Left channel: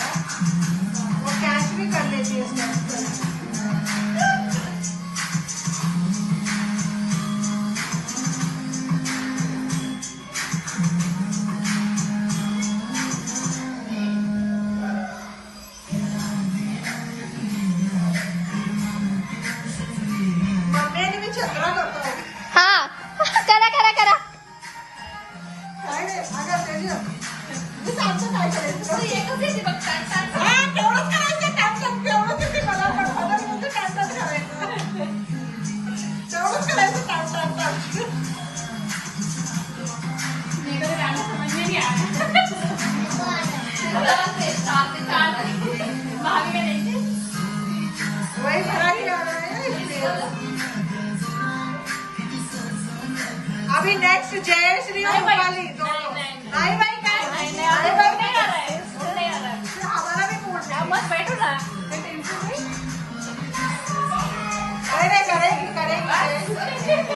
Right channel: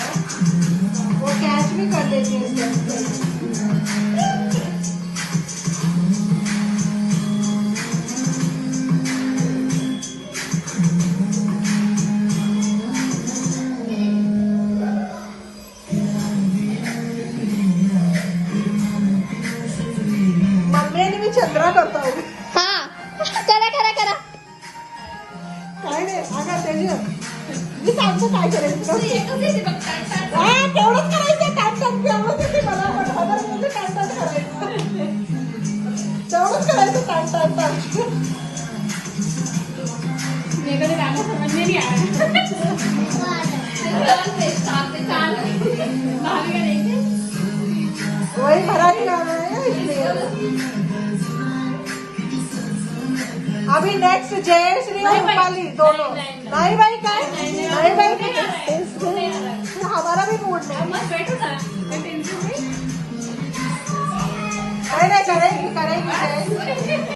वो कैच भी कर लेती है इसमें। मम्मी मी चंद्रा करतो हा करा करा करा. काय नाही अगं तेज मी सांगतो काय करायचं हा तेवढंच करायचं काम तेवढंच येते मला पण हजार म्हणजे काम करायचं तेवढंच करायचं काम वही भरा के आना है। अभी नेक्स्ट जयश्री और रूपाली दोनों नहीं भाई काय नहीं भाई फिर हमारा भी मूड नहीं करेगी करेगी